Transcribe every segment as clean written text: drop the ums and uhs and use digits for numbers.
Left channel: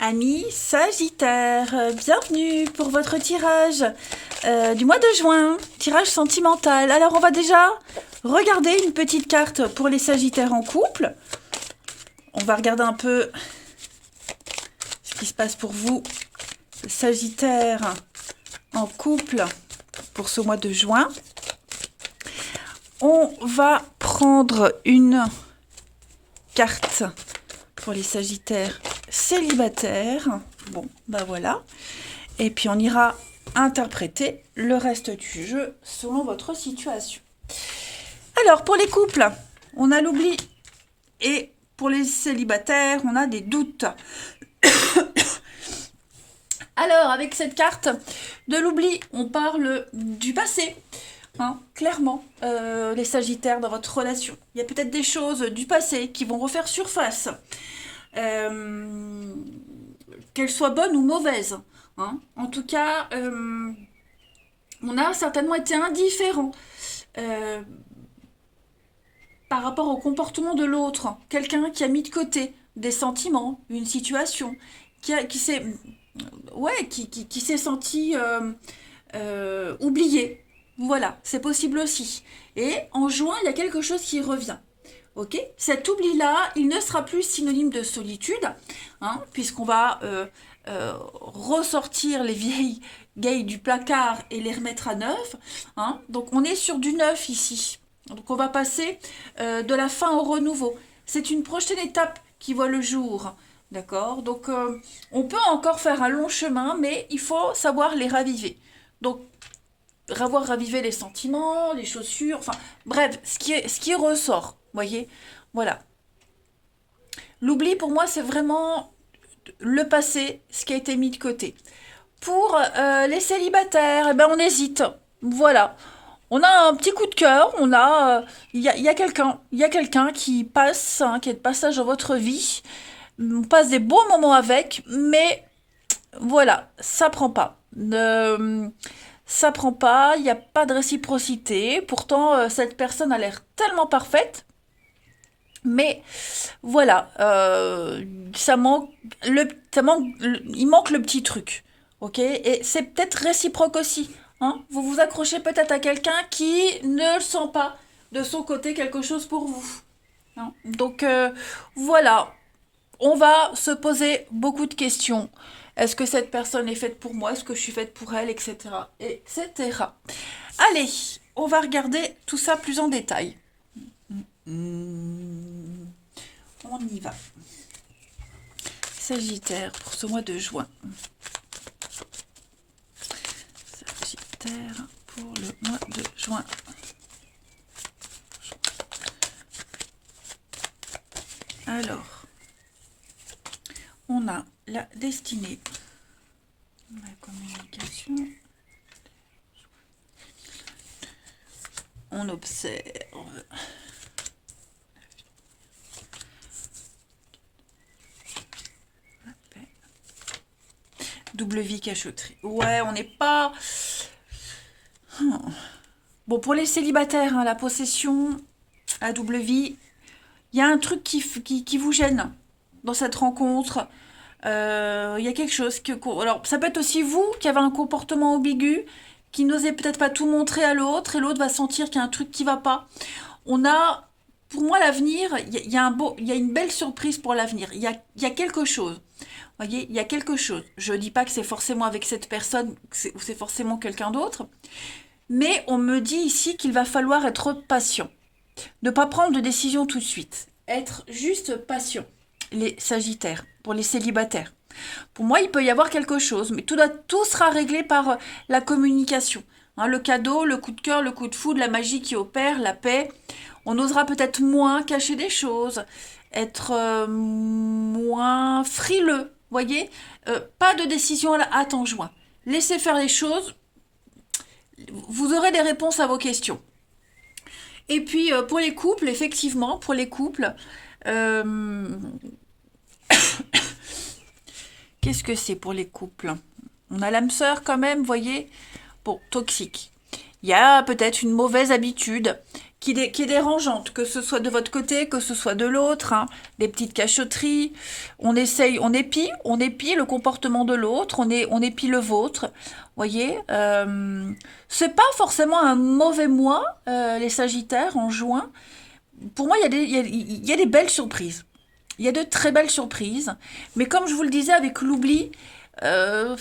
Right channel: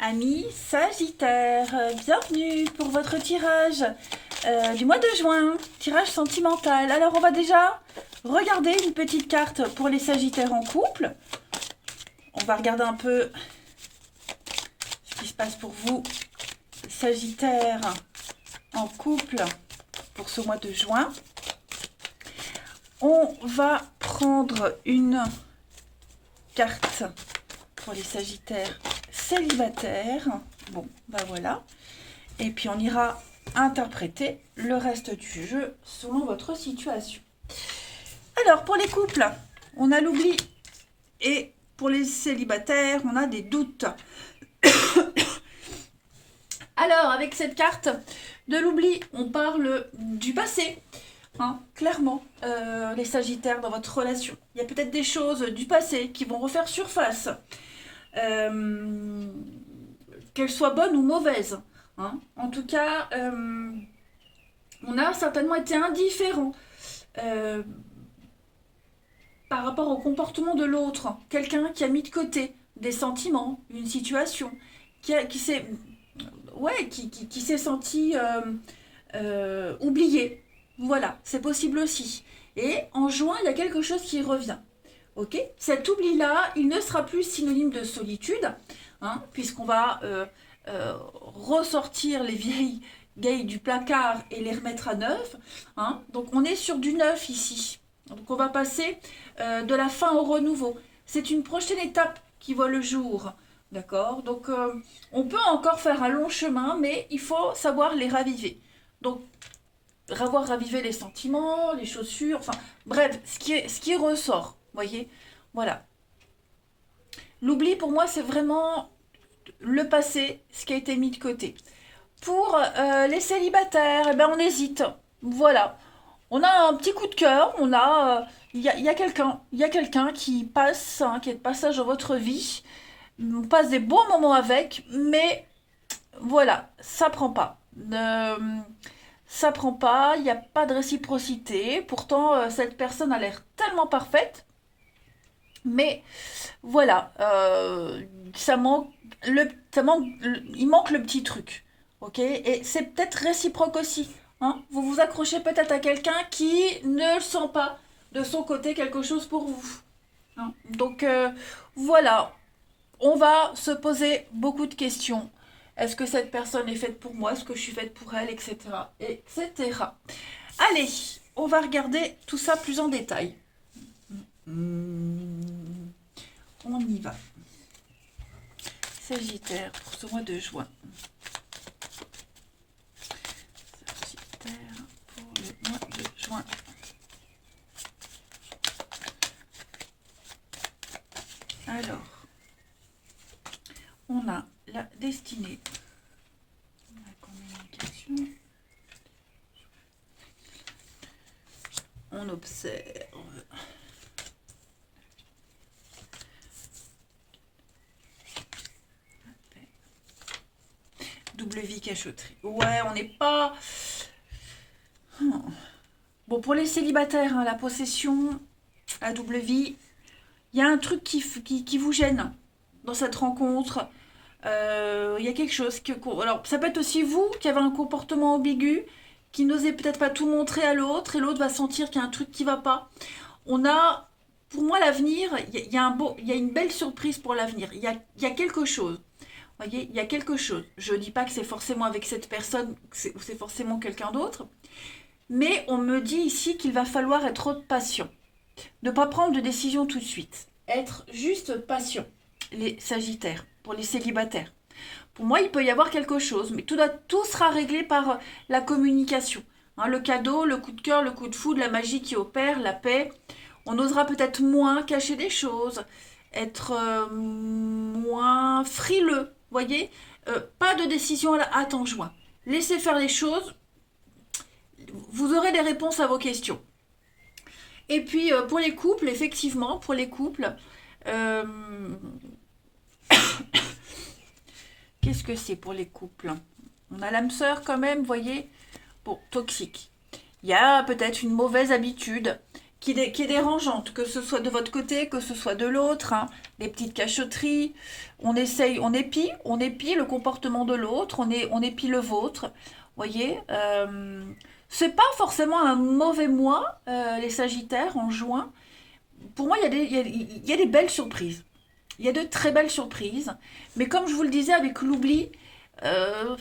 Amis Sagittaire, bienvenue pour votre tirage du mois de juin, tirage sentimental. Alors on va déjà regarder une petite carte pour les Sagittaires en couple. On va regarder un peu ce qui se passe pour vous, Sagittaire en couple, pour ce mois de juin. On va prendre une carte pour les Sagittaires célibataires. Bon, bah voilà. Et puis on ira interpréter le reste du jeu selon votre situation. Alors, pour les couples, on a l'oubli. Et pour les célibataires, on a des doutes. Alors, avec cette carte de l'oubli, on parle du passé. Hein, clairement, les Sagittaires dans votre relation. Il y a peut-être des choses du passé qui vont refaire surface. Qu'elles soient bonnes ou mauvaises. Hein. En tout cas, on a certainement été indifférent par rapport au comportement de l'autre. Quelqu'un qui a mis de côté des sentiments, une situation, qui s'est senti oublié. Voilà, c'est possible aussi. Et en juin, il y a quelque chose qui revient. Ok, cet oubli-là, il ne sera plus synonyme de solitude, hein, puisqu'on va ressortir les vieilles gailles du placard et les remettre à neuf. Hein. Donc on est sur du neuf ici. Donc on va passer de la fin au renouveau. C'est une prochaine étape qui voit le jour. D'accord. Donc on peut encore faire un long chemin, mais il faut savoir les raviver. Donc avoir ravivé les sentiments, les chaussures, enfin bref, ce qui ressort. Voyez, voilà. L'oubli pour moi c'est vraiment le passé, ce qui a été mis de côté. Pour les célibataires, eh ben, on hésite. Voilà. On a un petit coup de cœur, il y a quelqu'un qui passe, hein, qui est de passage dans votre vie. On passe des bons moments avec, mais voilà, ça prend pas. Ça prend pas, il n'y a pas de réciprocité. Pourtant, cette personne a l'air tellement parfaite. Mais voilà, il manque le petit truc, ok. Et c'est peut-être réciproque aussi. Hein. Vous vous accrochez peut-être à quelqu'un qui ne sent pas de son côté quelque chose pour vous. Hein. Donc voilà, on va se poser beaucoup de questions. Est-ce que cette personne est faite pour moi? Est-ce que je suis faite pour elle? Etc. Etc. Allez, on va regarder tout ça plus en détail. On y va. Sagittaire pour ce mois de juin. Sagittaire pour le mois de juin. Alors, on a la destinée, la communication. On observe. Double vie cachotterie. Ouais, on n'est pas... Bon, pour les célibataires, hein, la possession, la double vie, il y a un truc qui vous gêne dans cette rencontre. Il y a quelque chose que... Alors, ça peut être aussi vous qui avez un comportement ambigu, qui n'osez peut-être pas tout montrer à l'autre, et l'autre va sentir qu'il y a un truc qui va pas. On a... Pour moi, l'avenir, il y a une belle surprise pour l'avenir. Il y a quelque chose. Voyez, il y a quelque chose. Je ne dis pas que c'est forcément avec cette personne ou c'est forcément quelqu'un d'autre, mais on me dit ici qu'il va falloir être patient. Ne pas prendre de décision tout de suite. Être juste patient. Les Sagittaires, pour les célibataires. Pour moi, il peut y avoir quelque chose, mais tout sera réglé par la communication. Hein, le cadeau, le coup de cœur, le coup de foudre, la magie qui opère, la paix. On osera peut-être moins cacher des choses, être moins frileux. Voyez, pas de décision à la hâte en juin. Laissez faire les choses. Vous aurez des réponses à vos questions. Et puis pour les couples, effectivement, pour les couples, qu'est-ce que c'est pour les couples? On a l'âme sœur quand même, voyez. Bon, toxique. Il y a peut-être une mauvaise habitude qui est dérangeante, que ce soit de votre côté, que ce soit de l'autre, hein. Des petites cachotteries, on essaye, on épie le comportement de l'autre, on épie le vôtre, voyez. C'est pas forcément un mauvais mois, les Sagittaires, en juin. Pour moi, il y a des belles surprises. Il y a de très belles surprises, mais comme je vous le disais, avec l'oubli, euh,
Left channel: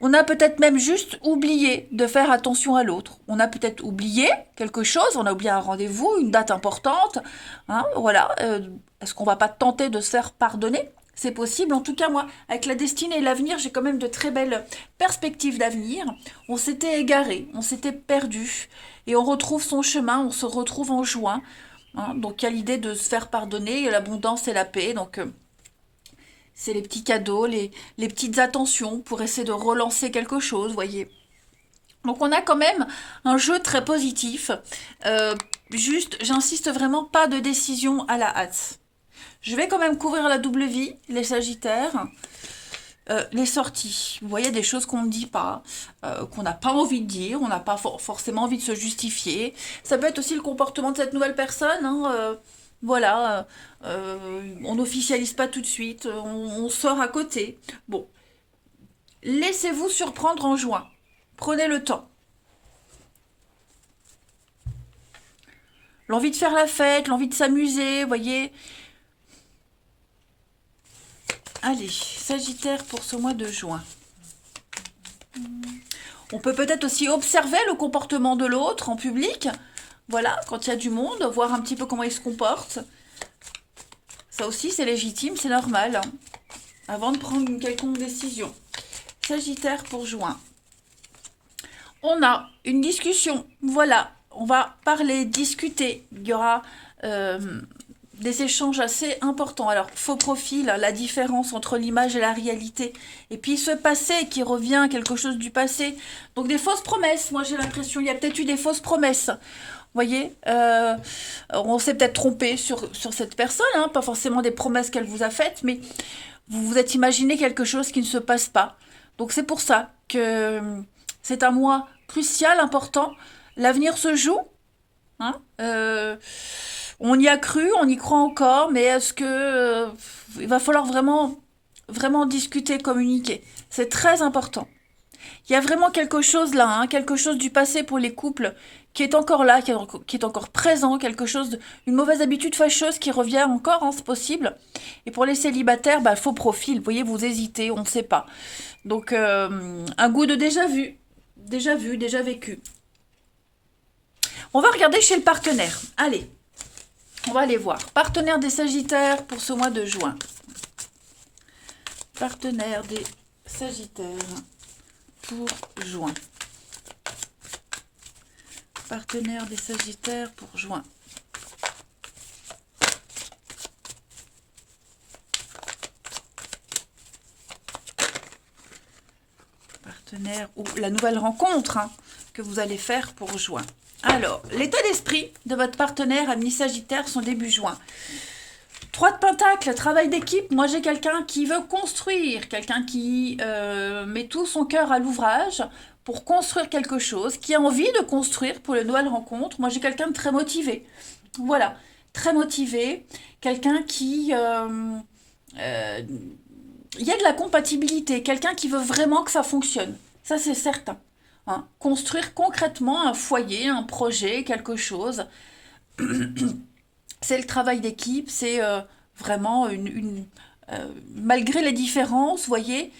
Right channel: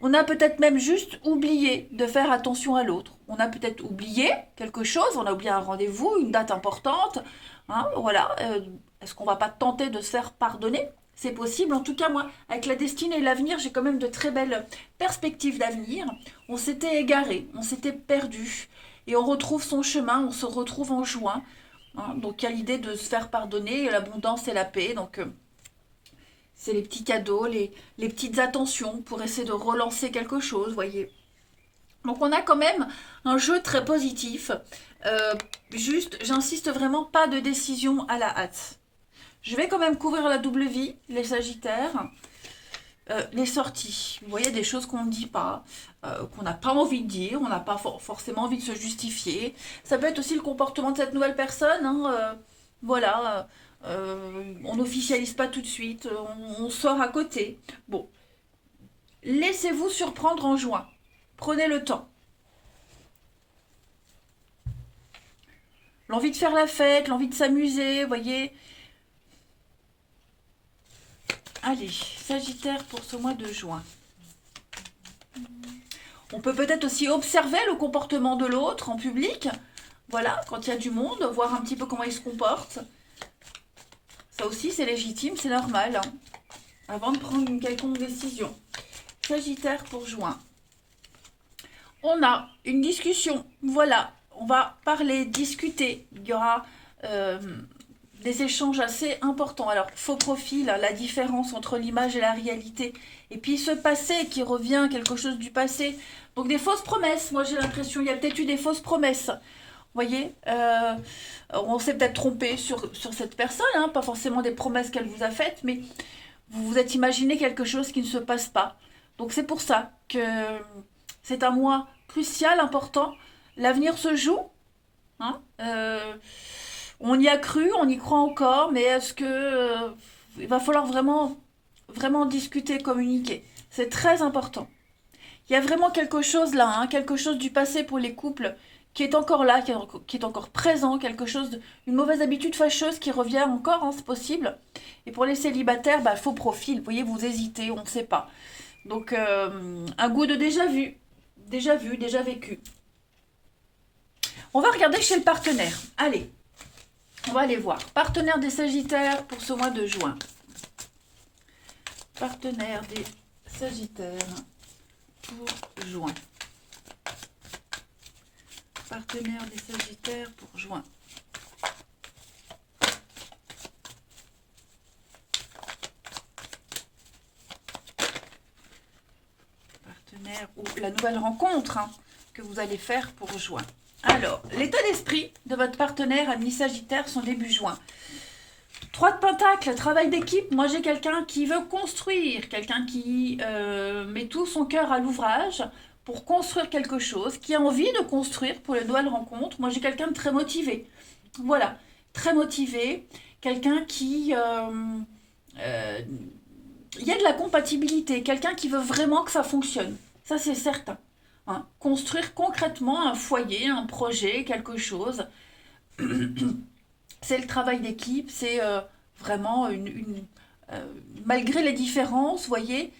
on a peut-être même juste oublié de faire attention à l'autre. On a peut-être oublié quelque chose, on a oublié un rendez-vous, une date importante. Hein, voilà. Est-ce qu'on va pas tenter de se faire pardonner? C'est possible. En tout cas, moi, avec la destinée et l'avenir, j'ai quand même de très belles perspectives d'avenir. On s'était égaré, on s'était perdu. Et on retrouve son chemin, on se retrouve en juin. Hein, donc, il y a l'idée de se faire pardonner, l'abondance et la paix. Donc, c'est les petits cadeaux, les petites attentions pour essayer de relancer quelque chose, voyez. Donc on a quand même un jeu très positif. Juste, j'insiste vraiment, pas de décision à la hâte. Je vais quand même couvrir la double vie, les Sagittaires. Les sorties, vous voyez des choses qu'on ne dit pas, qu'on n'a pas envie de dire, on n'a pas forcément envie de se justifier. Ça peut être aussi le comportement de cette nouvelle personne, hein, voilà, on n'officialise pas tout de suite, on sort à côté. Bon, laissez-vous surprendre en juin, prenez le temps. L'envie de faire la fête, l'envie de s'amuser, vous voyez. Allez, Sagittaire pour ce mois de juin. On peut peut-être aussi observer le comportement de l'autre en public. Voilà, quand il y a du monde, voir un petit peu comment il se comporte. Ça aussi, c'est légitime, c'est normal, hein, avant de prendre une quelconque décision. Sagittaire pour juin. On a une discussion. Voilà, on va parler, discuter. Il y aura des échanges assez importants. Alors, faux profil, la différence entre l'image et la réalité. Et puis ce passé qui revient, quelque chose du passé. Donc des fausses promesses. Moi, j'ai l'impression, il y a peut-être eu des fausses promesses. Vous voyez, on s'est peut-être trompé sur cette personne, hein, pas forcément des promesses qu'elle vous a faites, mais vous vous êtes imaginé quelque chose qui ne se passe pas. Donc c'est pour ça que c'est un mois crucial, important. L'avenir se joue. Hein, on y a cru, on y croit encore, mais est-ce que il va falloir vraiment, vraiment discuter, communiquer. C'est très important. Il y a vraiment quelque chose là, hein, quelque chose du passé pour les couples qui est encore là, qui est encore présent, quelque chose, une mauvaise habitude fâcheuse qui revient encore, hein, c'est possible. Et pour les célibataires, bah, faux profil, vous voyez, vous hésitez, on ne sait pas. Donc, un goût de déjà vu, déjà vécu. On va regarder chez le partenaire. Allez, on va aller voir. Partenaire des Sagittaires pour ce mois de juin. Partenaire des Sagittaires pour juin. Partenaire des Sagittaires pour juin. Partenaire ou la nouvelle rencontre, hein, que vous allez faire pour juin. Alors, l'état d'esprit de votre partenaire ami Sagittaire son début juin. 3 de Pentacles, travail d'équipe. Moi, j'ai quelqu'un qui veut construire, quelqu'un qui met tout son cœur à l'ouvrage pour construire quelque chose, qui a envie de construire pour les nouvelles rencontres. Moi, j'ai quelqu'un de très motivé. Voilà, très motivé. Quelqu'un qui... il y a de la compatibilité. Quelqu'un qui veut vraiment que ça fonctionne. Ça, c'est certain. Hein. Construire concrètement un foyer, un projet, quelque chose. C'est le travail d'équipe, c'est vraiment malgré les différences, vous voyez,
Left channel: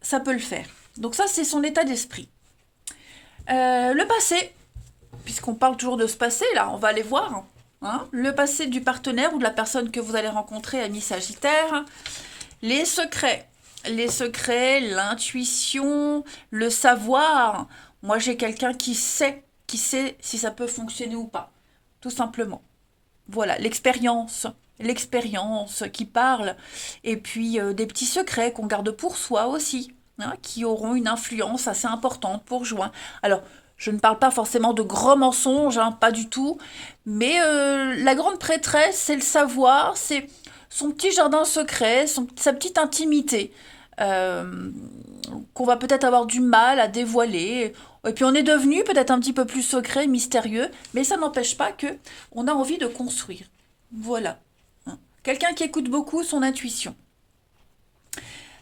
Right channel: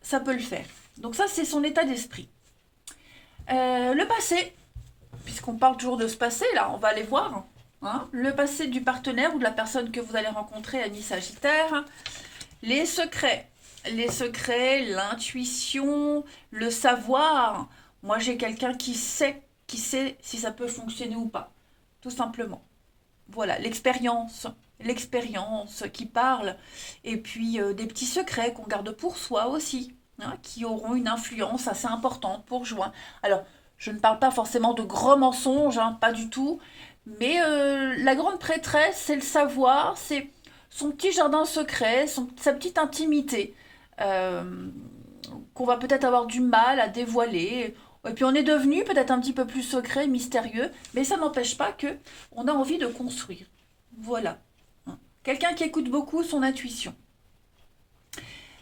ça peut le faire. Donc ça, c'est son état d'esprit. Le passé, puisqu'on parle toujours de ce passé, là, on va aller voir. Hein, le passé du partenaire ou de la personne que vous allez rencontrer, ami Sagittaire. Les secrets, l'intuition, le savoir. Moi, j'ai quelqu'un qui sait si ça peut fonctionner ou pas, tout simplement. Voilà, l'expérience qui parle, et puis des petits secrets qu'on garde pour soi aussi, hein, qui auront une influence assez importante pour juin. Alors, je ne parle pas forcément de gros mensonges, hein, pas du tout, mais la grande prêtresse, c'est le savoir, c'est son petit jardin secret, sa petite intimité, qu'on va peut-être avoir du mal à dévoiler. Et puis on est devenu peut-être un petit peu plus secret, mystérieux, mais ça n'empêche pas que on a envie de construire. Voilà. Hein. Quelqu'un qui écoute beaucoup son intuition.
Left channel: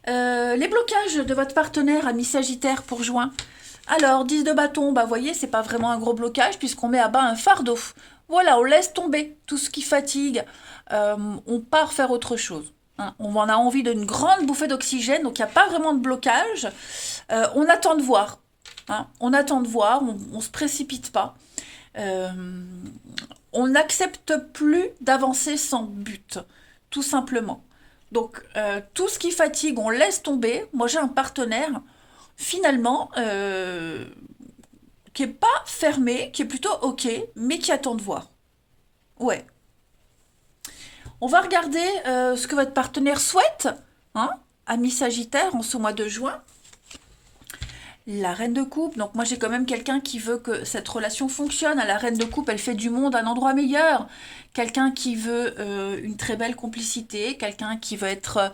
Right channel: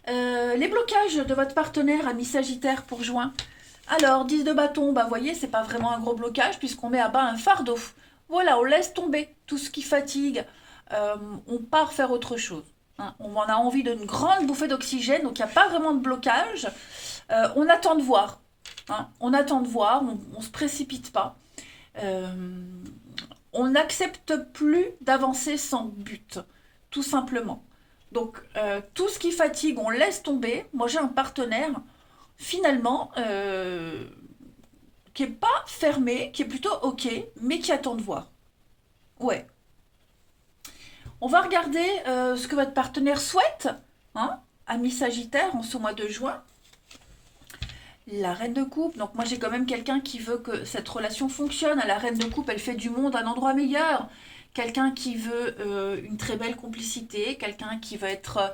Les blocages de votre partenaire, ami Sagittaire pour juin. Alors, 10 de bâton, bah voyez, c'est pas vraiment un gros blocage puisqu'on met à bas un fardeau. Voilà, on laisse tomber tout ce qui fatigue. On part faire autre chose. Hein. On en a envie d'une grande bouffée d'oxygène, donc il n'y a pas vraiment de blocage. On attend de voir. Hein. On attend de voir, on ne se précipite pas. Euh, on n'accepte plus d'avancer sans but, tout simplement. Donc, tout ce qui fatigue, on laisse tomber. Moi, j'ai un partenaire, finalement, qui est pas fermé, qui est plutôt OK, mais qui attend de voir. Ouais. On va regarder ce que votre partenaire souhaite, hein, ami Sagittaire, en ce mois de juin. La reine de coupe, donc moi j'ai quand même quelqu'un qui veut que cette relation fonctionne. La reine de coupe, elle fait du monde un endroit meilleur. Quelqu'un qui veut une très belle complicité, quelqu'un qui veut être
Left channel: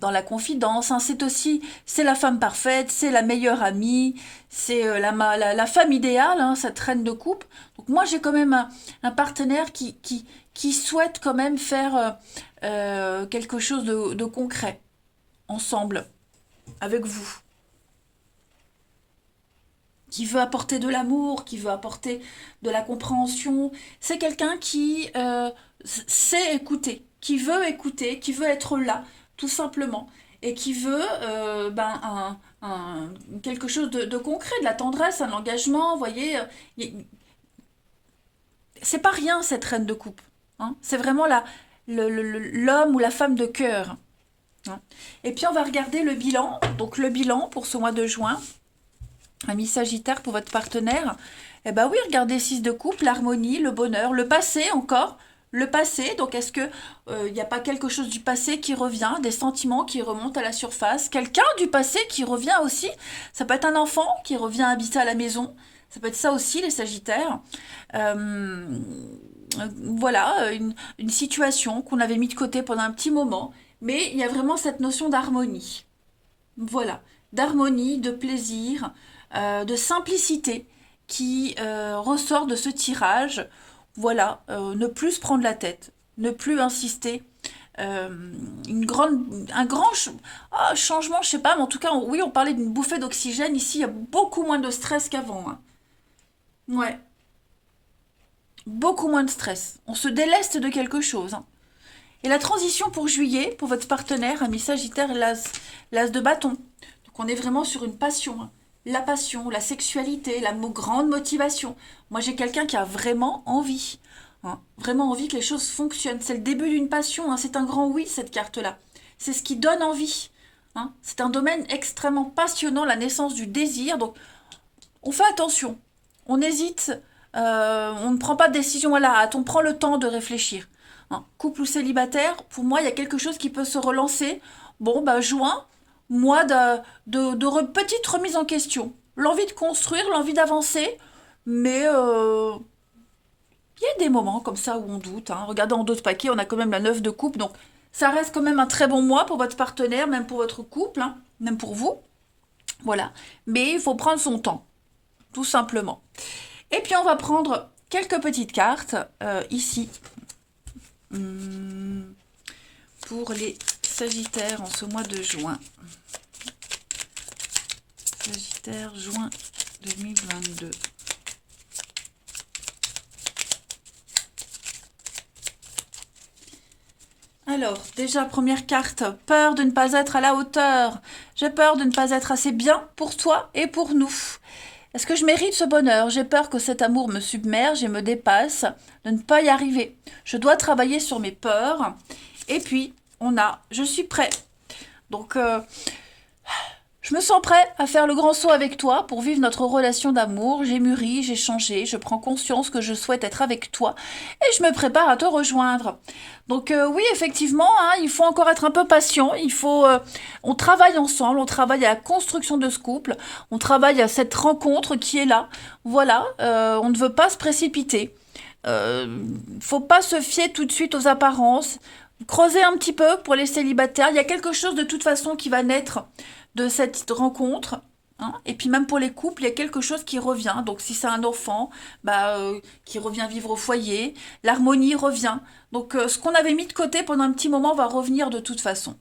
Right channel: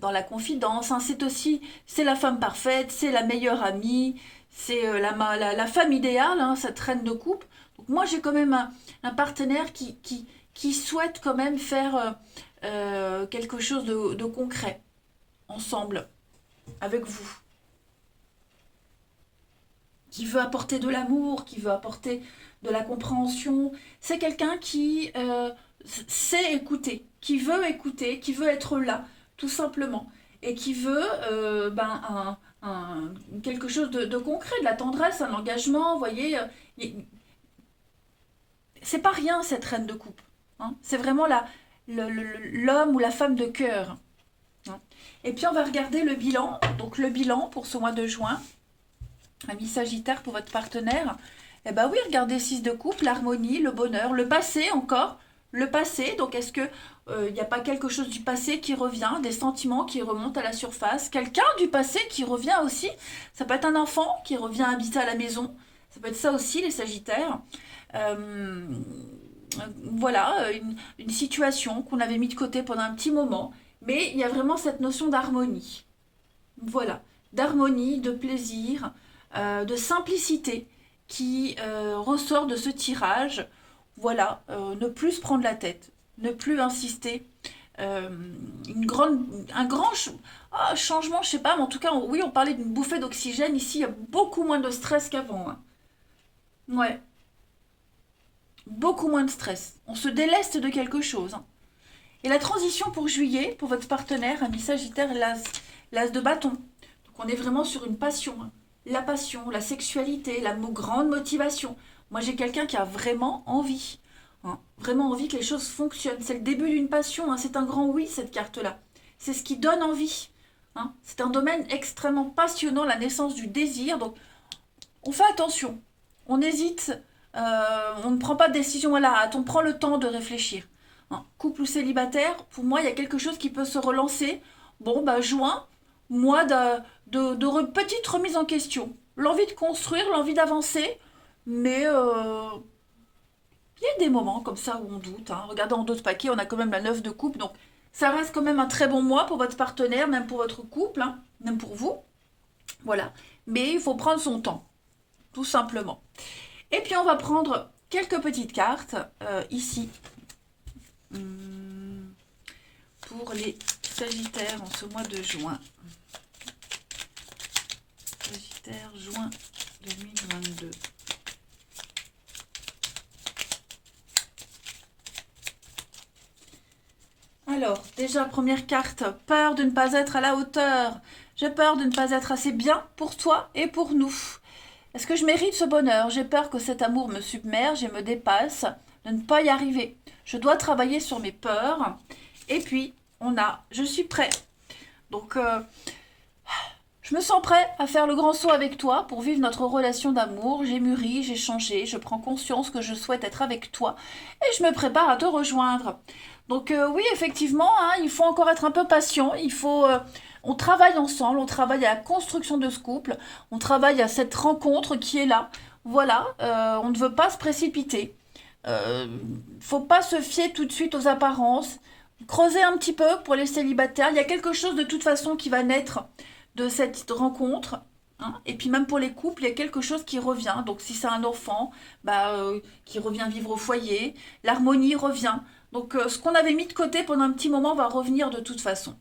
dans la confidence. Hein. C'est la femme parfaite, c'est la meilleure amie, c'est la femme idéale, hein, cette reine de coupe. Donc moi j'ai quand même un partenaire qui souhaite quand même faire quelque chose de concret ensemble, avec vous. Qui veut apporter de l'amour, qui veut apporter de la compréhension. C'est quelqu'un qui sait écouter, qui veut être là, tout simplement, et qui veut quelque chose de concret, de la tendresse, un engagement. Vous voyez, c'est pas rien cette reine de coupe. Hein. C'est vraiment l'homme ou la femme de cœur. Hein. Et puis on va regarder le bilan. Donc le bilan pour ce mois de juin. Ami Sagittaire pour votre partenaire, eh ben oui, regardez 6 de coupe, l'harmonie, le bonheur, le passé encore, le passé. Donc est-ce que il n'y a pas quelque chose du passé qui revient, des sentiments qui remontent à la surface, quelqu'un du passé qui revient aussi. Ça peut être un enfant qui revient habiter à la maison. Ça peut être ça aussi les Sagittaires. Euh, voilà, une situation qu'on avait mis de côté pendant un petit moment, mais il y a vraiment cette notion d'harmonie. Voilà, d'harmonie, de plaisir, de simplicité qui ressort de ce tirage. Voilà, ne plus se prendre la tête, ne plus insister. Euh, un grand changement, je sais pas, mais en tout cas, oui, on parlait d'une bouffée d'oxygène. Ici, il y a beaucoup moins de stress qu'avant. Hein. Ouais, beaucoup moins de stress. On se déleste de quelque chose. Hein. Et la transition pour juillet, pour votre partenaire, ami Sagittaire, et l'as de bâton. Donc on est vraiment sur une passion. Hein. La passion, la sexualité, grande motivation. Moi j'ai quelqu'un qui a vraiment envie. Hein. Vraiment envie que les choses fonctionnent. C'est le début d'une passion. Hein. C'est un grand oui cette carte-là. C'est ce qui donne envie. Hein. C'est un domaine extrêmement passionnant, la naissance du désir. Donc on fait attention. On hésite. On ne prend pas de décision à la hâte. On prend le temps de réfléchir. Hein. Couple ou célibataire, pour moi, il y a quelque chose qui peut se relancer. Bon, bah, juin, mois petite remise en question. L'envie de construire, l'envie d'avancer, mais il y a des moments comme ça où on doute. Hein. Regardez en dos de paquet, on a quand même la 9 de coupe, donc ça reste quand même un très bon mois pour votre partenaire, même pour votre couple, hein, même pour vous. Voilà. Mais il faut prendre son temps, tout simplement. Et puis on va prendre quelques petites cartes ici. Pour les Sagittaires en ce mois de juin. Sagittaire, juin 2022. Alors, déjà, première carte, peur de ne pas être à la hauteur. J'ai peur de ne pas être assez bien pour toi et pour nous. Est-ce que je mérite ce bonheur? J'ai peur que cet amour me submerge et me dépasse, de ne pas y arriver. Je dois travailler sur mes peurs. Et puis, on a, je suis prêt. Donc, je me sens prêt à faire le grand saut avec toi pour vivre notre relation d'amour. J'ai mûri, j'ai changé, je prends conscience que je souhaite être avec toi et je me prépare à te rejoindre. Donc oui, effectivement, hein, il faut encore être un peu patient. On travaille ensemble, on travaille à la construction de ce couple, on travaille à cette rencontre qui est là. Voilà, on ne veut pas se précipiter. Faut pas se fier tout de suite aux apparences. Creuser un petit peu pour les célibataires. Il y a quelque chose de toute façon qui va naître de cette rencontre. hein. Et puis même pour les couples, il y a quelque chose qui revient. Donc si c'est un enfant, qui revient vivre au foyer, l'harmonie revient. Donc ce qu'on avait mis de côté pendant un petit moment va revenir de toute façon.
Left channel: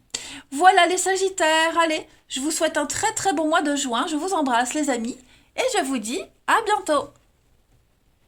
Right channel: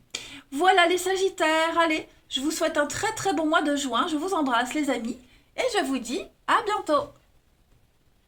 Voilà les Sagittaires, allez, je vous souhaite un très très bon mois de juin. Je vous embrasse les amis et je vous dis à bientôt.